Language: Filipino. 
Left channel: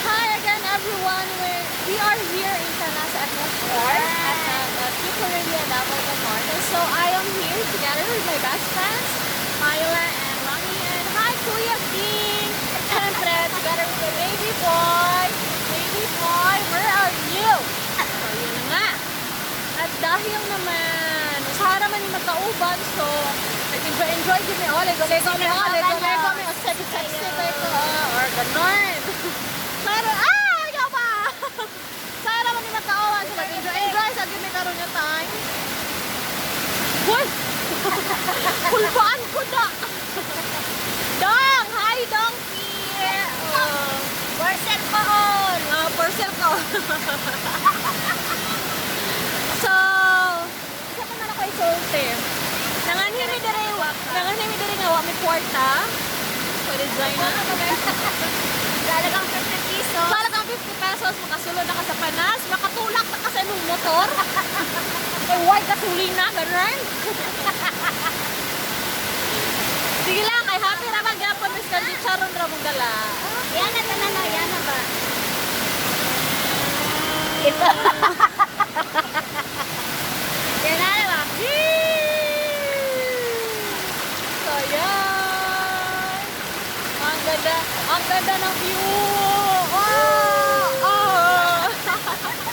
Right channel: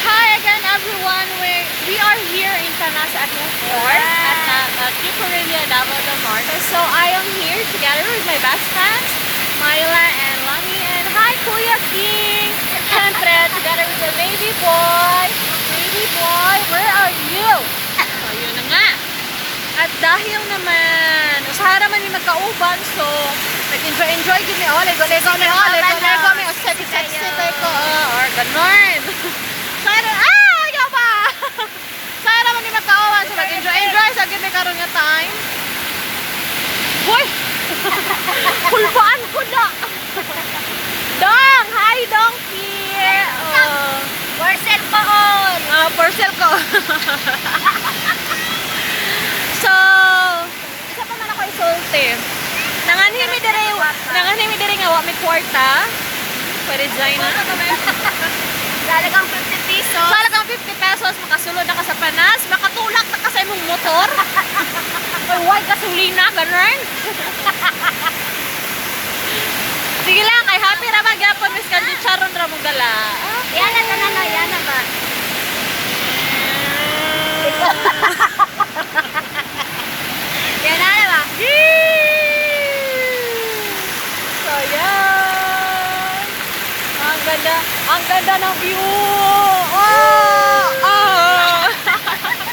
hi again everyone. We are here in Panas at Newport at Chicorelia Davao del Norte. So I am here together with my best friends, Myla and Lani. And hi Kuya King. Siyempre, together with the baby boy. Baby boy, where are you? So yun na nga. At dahil naman, usara man yung magkauban, so nag-enjoy kami. Lego mi. Sexy ko. Or ganon. Ayaw ba? Sayang naman yung magkauban, so nag-enjoy sa gini karon nga time. Boy! Kulbaan ko na! Dong! Hi, Donkey! Parcel ko on! Parcel ko. So, isa pa man ako isulti. Nanganhimi dire nga wa may kwarta. Pwede dyan na. Dalagang 50 pesos. Talagang 50 pesos, makasulod na ka sa Panas, makatulak na ka sa imong motor. Ay, why gasolina, ganun? Sige lang, ay happy raman gyapon Miss Candy Charon ra mong gala. Yan na tanan, yan na ba? Yan na ba? So, yan. Ang ganda ng view.